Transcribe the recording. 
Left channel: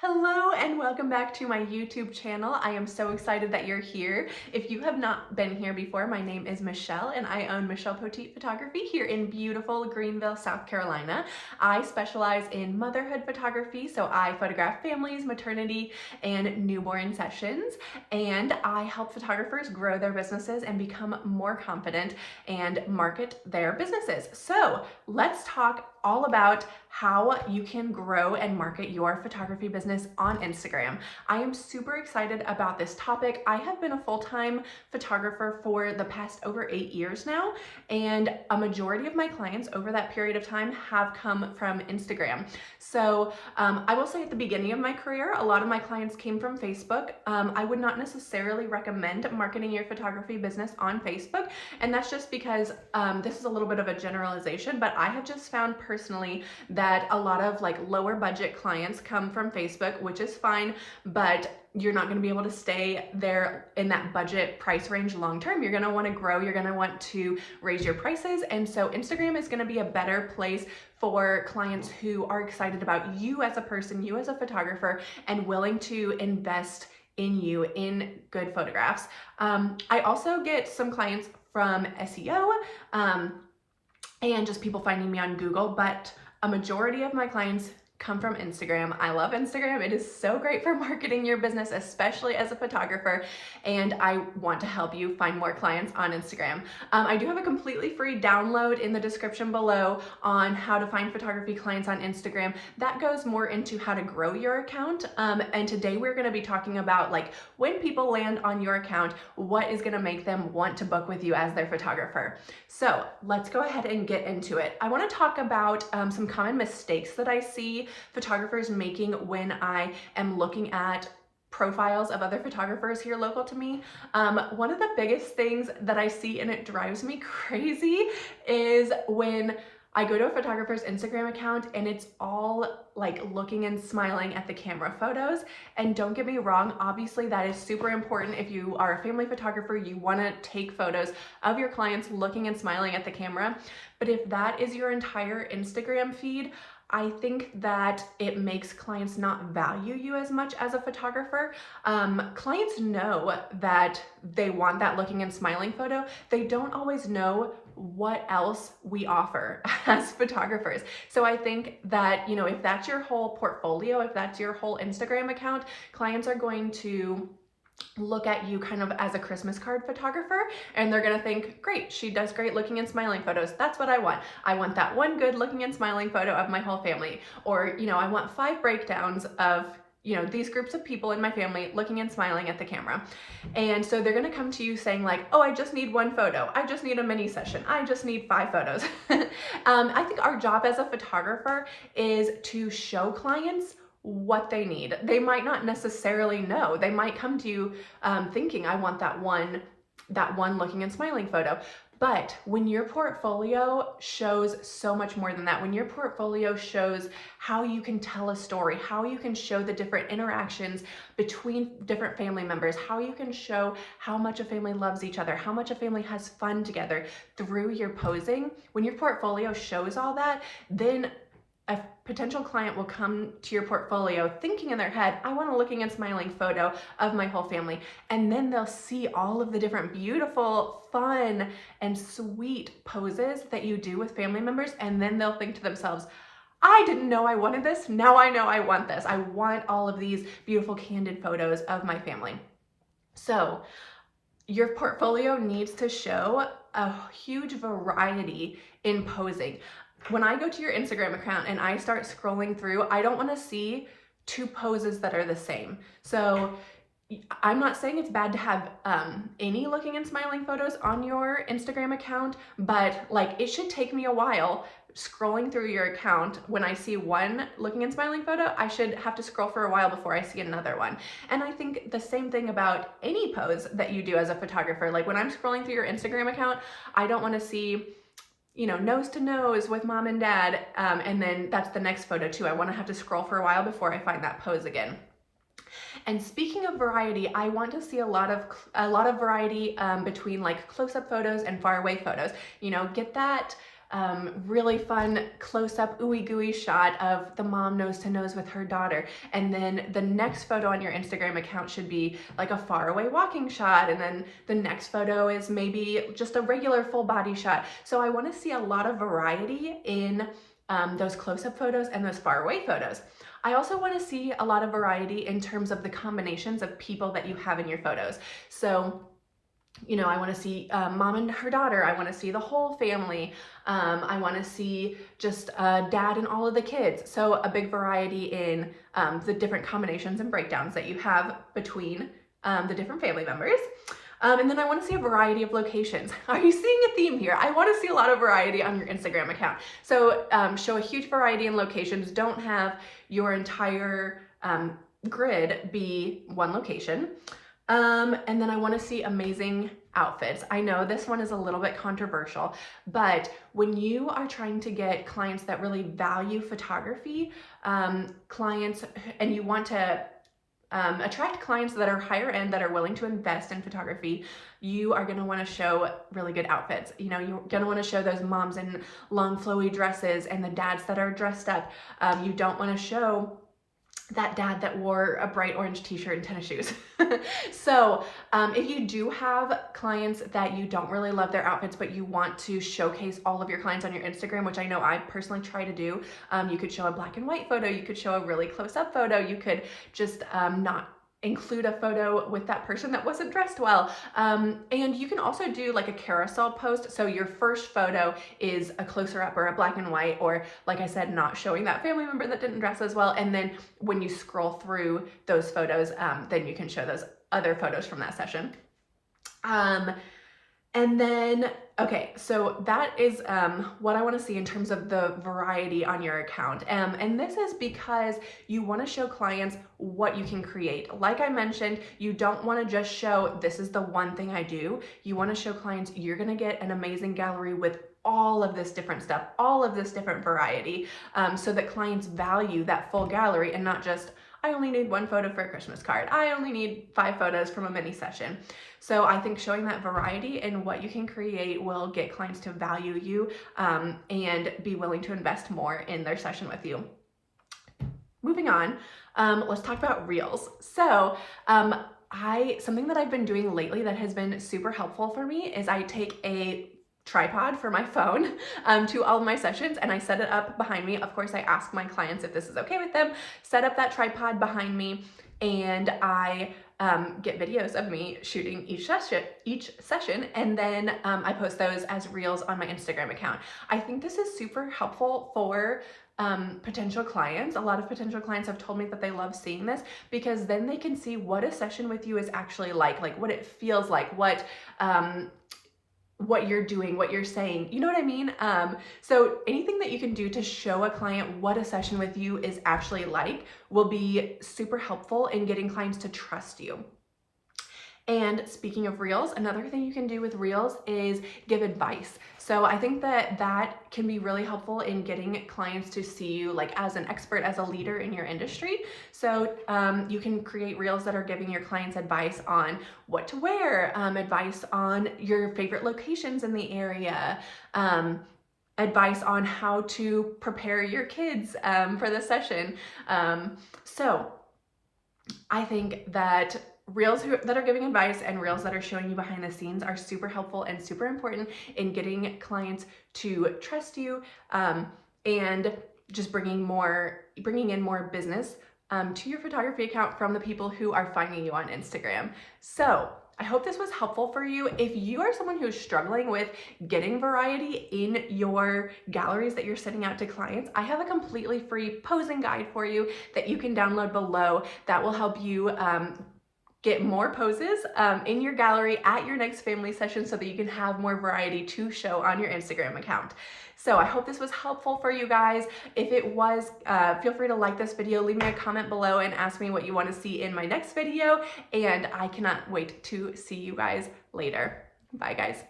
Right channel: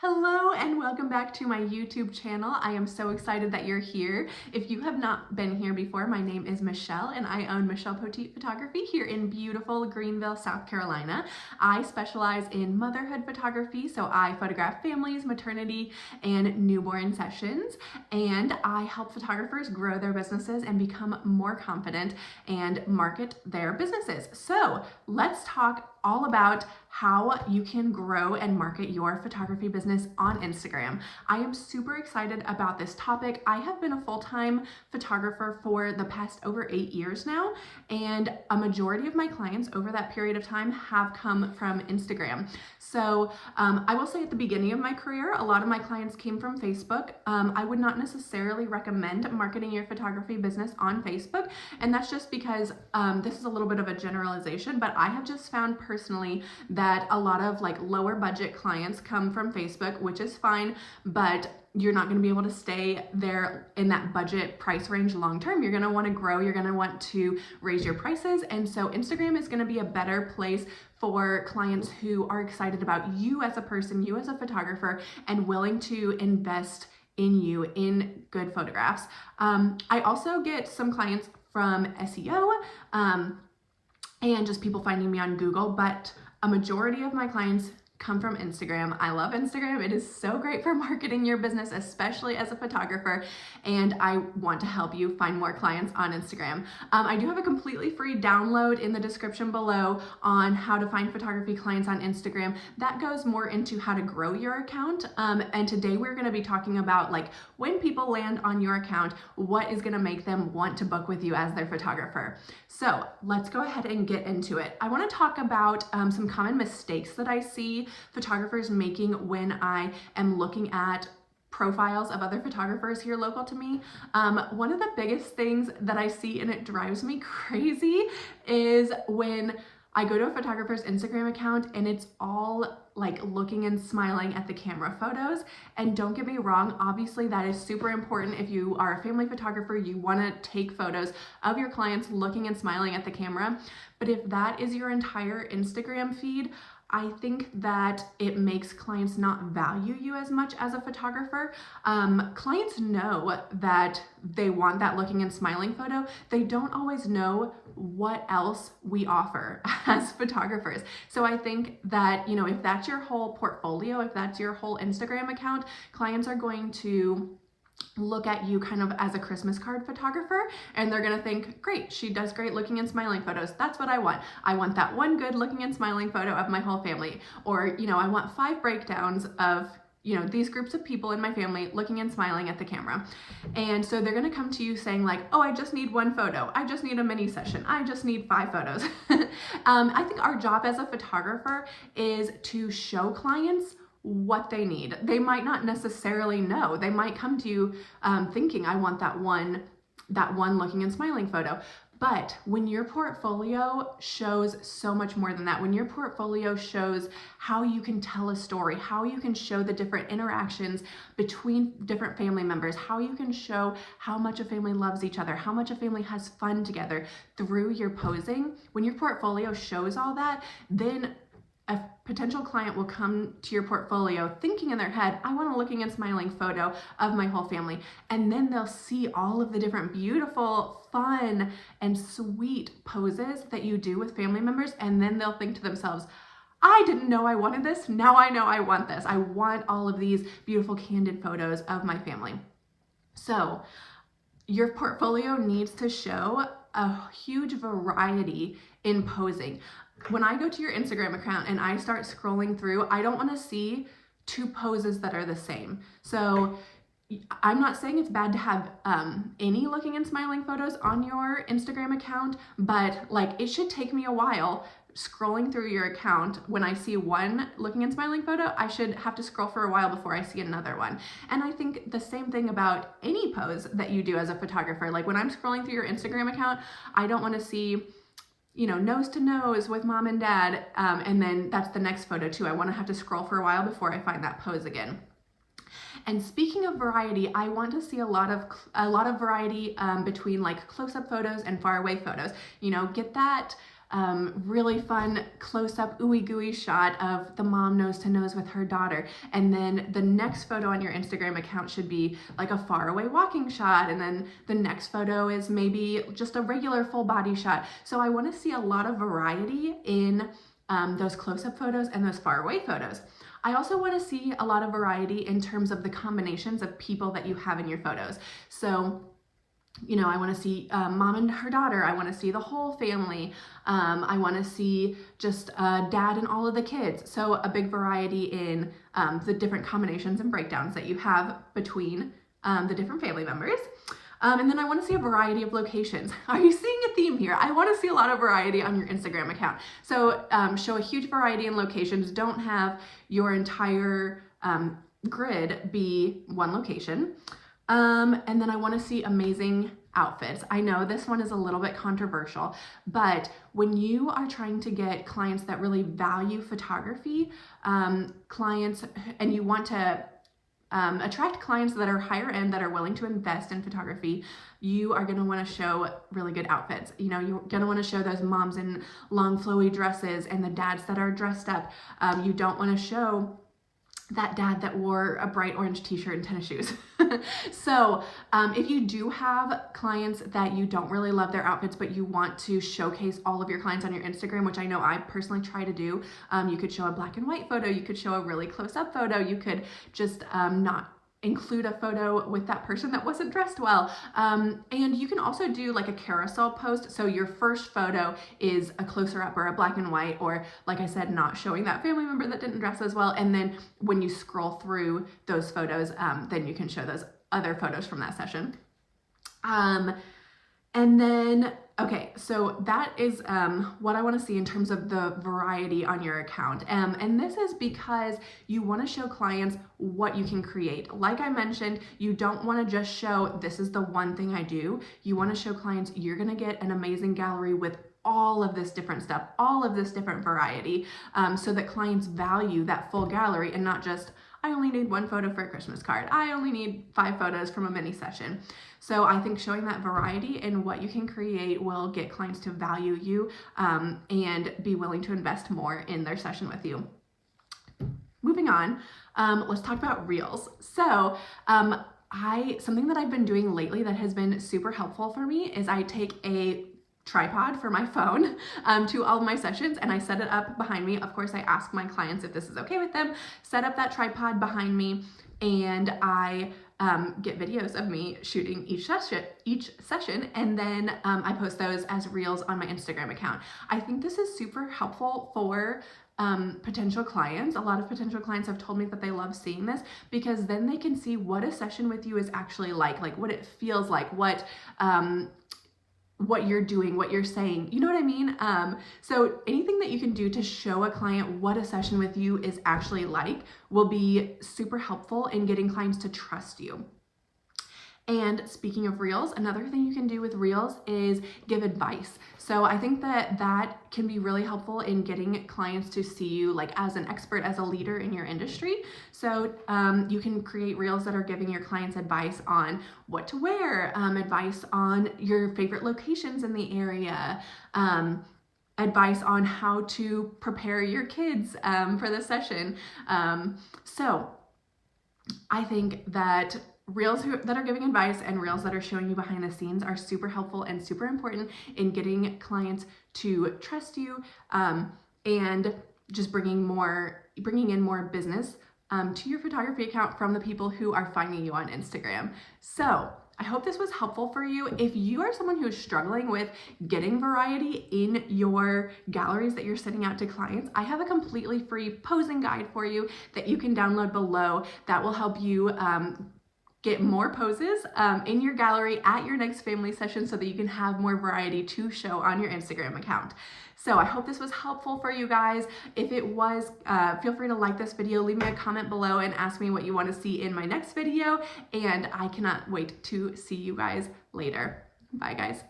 Hello and welcome back to my YouTube channel. I am so excited that you're here. If you have not been here before, my name is Michelle and I own Michelle Poteet Photography here in beautiful Greenville, South Carolina. I specialize in motherhood photography, so I photograph families, maternity, and newborn sessions, and I help photographers grow their businesses and become more confident and market their businesses. So let's talk all about how you can grow and market your photography business on Instagram. I am super excited about this topic. I have been a full-time photographer for the past over 8 years now, and a majority of my clients over that period of time have come from Instagram. So I will say at the beginning of my career, a lot of my clients came from Facebook. I would not necessarily recommend marketing your photography business on Facebook, and that's just because this is a little bit of a generalization, but I have just found personally that a lot of lower budget clients come from Facebook, which is fine, but you're not going to be able to stay there in that budget price range long term. You're going to want to grow, you're going to want to raise your prices, and so Instagram is going to be a better place for clients who are excited about you as a person, you as a photographer, and willing to invest in you in good photographs. I also get some clients from SEO and just people finding me on Google, but a majority of my clients come from Instagram. I love Instagram. It is so great for marketing your business, especially as a photographer, and I want to help you find more clients on Instagram. I do have a completely free download in the description below on how to find photography clients on Instagram. That goes more into how to grow your account, and today we're going to be talking about when people land on your account, what is going to make them want to book with you as their photographer. So let's go ahead and get into it. I want to talk about some common mistakes that I see photographers making when I am looking at profiles of other photographers here local to me. One of the biggest things that I see, and it drives me crazy, is when I go to a photographer's Instagram account and it's all looking and smiling at the camera photos. And don't get me wrong, obviously that is super important. If you are a family photographer, you want to take photos of your clients looking and smiling at the camera. But if that is your entire Instagram feed, I think that it makes clients not value you as much as a photographer. Clients know that they want that looking and smiling photo. They don't always know what else we offer as photographers. So I think that, if that's your whole portfolio, if that's your whole Instagram account, clients are going to look at you kind of as a Christmas card photographer, and they're gonna think, great, she does great looking and smiling photos. That's what I want. I want that one good looking and smiling photo of my whole family. Or, I want 5 breakdowns of these groups of people in my family looking and smiling at the camera. And so they're gonna come to you saying oh, I just need one photo. I just need a mini session. I just need 5 photos. I think our job as a photographer is to show clients what they need. They might not necessarily know. They might come to you thinking, I want that one looking and smiling photo. But when your portfolio shows so much more than that, when your portfolio shows how you can tell a story, how you can show the different interactions between different family members, how you can show how much a family loves each other, how much a family has fun together through your posing, when your portfolio shows all that, then a potential client will come to your portfolio thinking in their head, I want a looking and smiling photo of my whole family. And then they'll see all of the different beautiful, fun, and sweet poses that you do with family members. And then they'll think to themselves, I didn't know I wanted this. Now I know I want this. I want all of these beautiful candid photos of my family. So your portfolio needs to show a huge variety in posing. When I go to your Instagram account and I start scrolling through, I don't want to see 2 poses that are the same. So I'm not saying it's bad to have any looking and smiling photos on your Instagram account, but it should take me a while scrolling through your account. When I see one looking and smiling photo, I should have to scroll for a while before I see another one. And I think the same thing about any pose that you do as a photographer. When I'm scrolling through your Instagram account, I don't want to see nose to nose with mom and dad, and then that's the next photo too. I want to have to scroll for a while before I find that pose again. And speaking of variety, I want to see a lot of variety between close-up photos and far away photos. Get that really fun close-up ooey gooey shot of the mom nose to nose with her daughter. And then the next photo on your Instagram account should be like a far away walking shot. And then the next photo is maybe just a regular full body shot. So I want to see a lot of variety in those close-up photos and those far away photos. I also want to see a lot of variety in terms of the combinations of people that you have in your photos. So, you know, I want to see mom and her daughter. I want to see the whole family. I want to see just dad and all of the kids. So a big variety in the different combinations and breakdowns that you have between the different family members. And then I want to see a variety of locations. Are you seeing a theme here? I want to see a lot of variety on your Instagram account. So show a huge variety in locations. Don't have your entire grid be one location. And then I want to see amazing outfits. I know this one is a little bit controversial, but when you are trying to get clients that really value photography, clients, and you want to attract clients that are higher end, that are willing to invest in photography, you are going to want to show really good outfits. You know, you're going to want to show those moms in long flowy dresses and the dads that are dressed up. You don't want to show that dad that wore a bright orange t-shirt and tennis shoes. So if you do have clients that you don't really love their outfits, but you want to showcase all of your clients on your Instagram, which I know I personally try to do, you could show a black and white photo, you could show a really close-up photo, you could just not include a photo with that person that wasn't dressed well. And you can also do like a carousel post. So your first photo is a closer up or a black and white, or like I said, not showing that family member that didn't dress as well. And then when you scroll through those photos, then you can show those other photos from that session. And then, okay, so that is what I want to see in terms of the variety on your account. And this is because you want to show clients what you can create. Like I mentioned, you don't want to just show, this is the one thing I do. You want to show clients you're going to get an amazing gallery with all of this different stuff, all of this different variety, so that clients value that full gallery and not just, I only need one photo for a Christmas card. I only need 5 photos from a mini session. So I think showing that variety and what you can create will get clients to value you and be willing to invest more in their session with you. Moving on, let's talk about Reels. So something that I've been doing lately that has been super helpful for me is I take a tripod for my phone to all of my sessions, and I set it up behind me. Of course, I ask my clients if this is okay with them, set up that tripod behind me, and I get videos of me shooting each session, and then I post those as Reels on my Instagram account. I think this is super helpful for potential clients. A lot of potential clients have told me that they love seeing this because then they can see what a session with you is actually like what it feels like, what you're doing, what you're saying, you know what I mean? So anything that you can do to show a client what a session with you is actually like will be super helpful in getting clients to trust you. And speaking of Reels, another thing you can do with Reels is give advice. So I think that can be really helpful in getting clients to see you like as an expert, as a leader in your industry. So you can create Reels that are giving your clients advice on what to wear, advice on your favorite locations in the area, advice on how to prepare your kids for the session. So I think that Reels that are giving advice and Reels that are showing you behind the scenes are super helpful and super important in getting clients to trust you and just bringing in more business to your photography account from the people who are finding you on Instagram. So I hope this was helpful for you. If you are someone who is struggling with getting variety in your galleries that you're sending out to clients, I have a completely free posing guide for you that you can download below that will help you get more poses in your gallery at your next family session so that you can have more variety to show on your Instagram account. So I hope this was helpful for you guys. If it was, feel free to like this video, leave me a comment below and ask me what you want to see in my next video. And I cannot wait to see you guys later. Bye guys.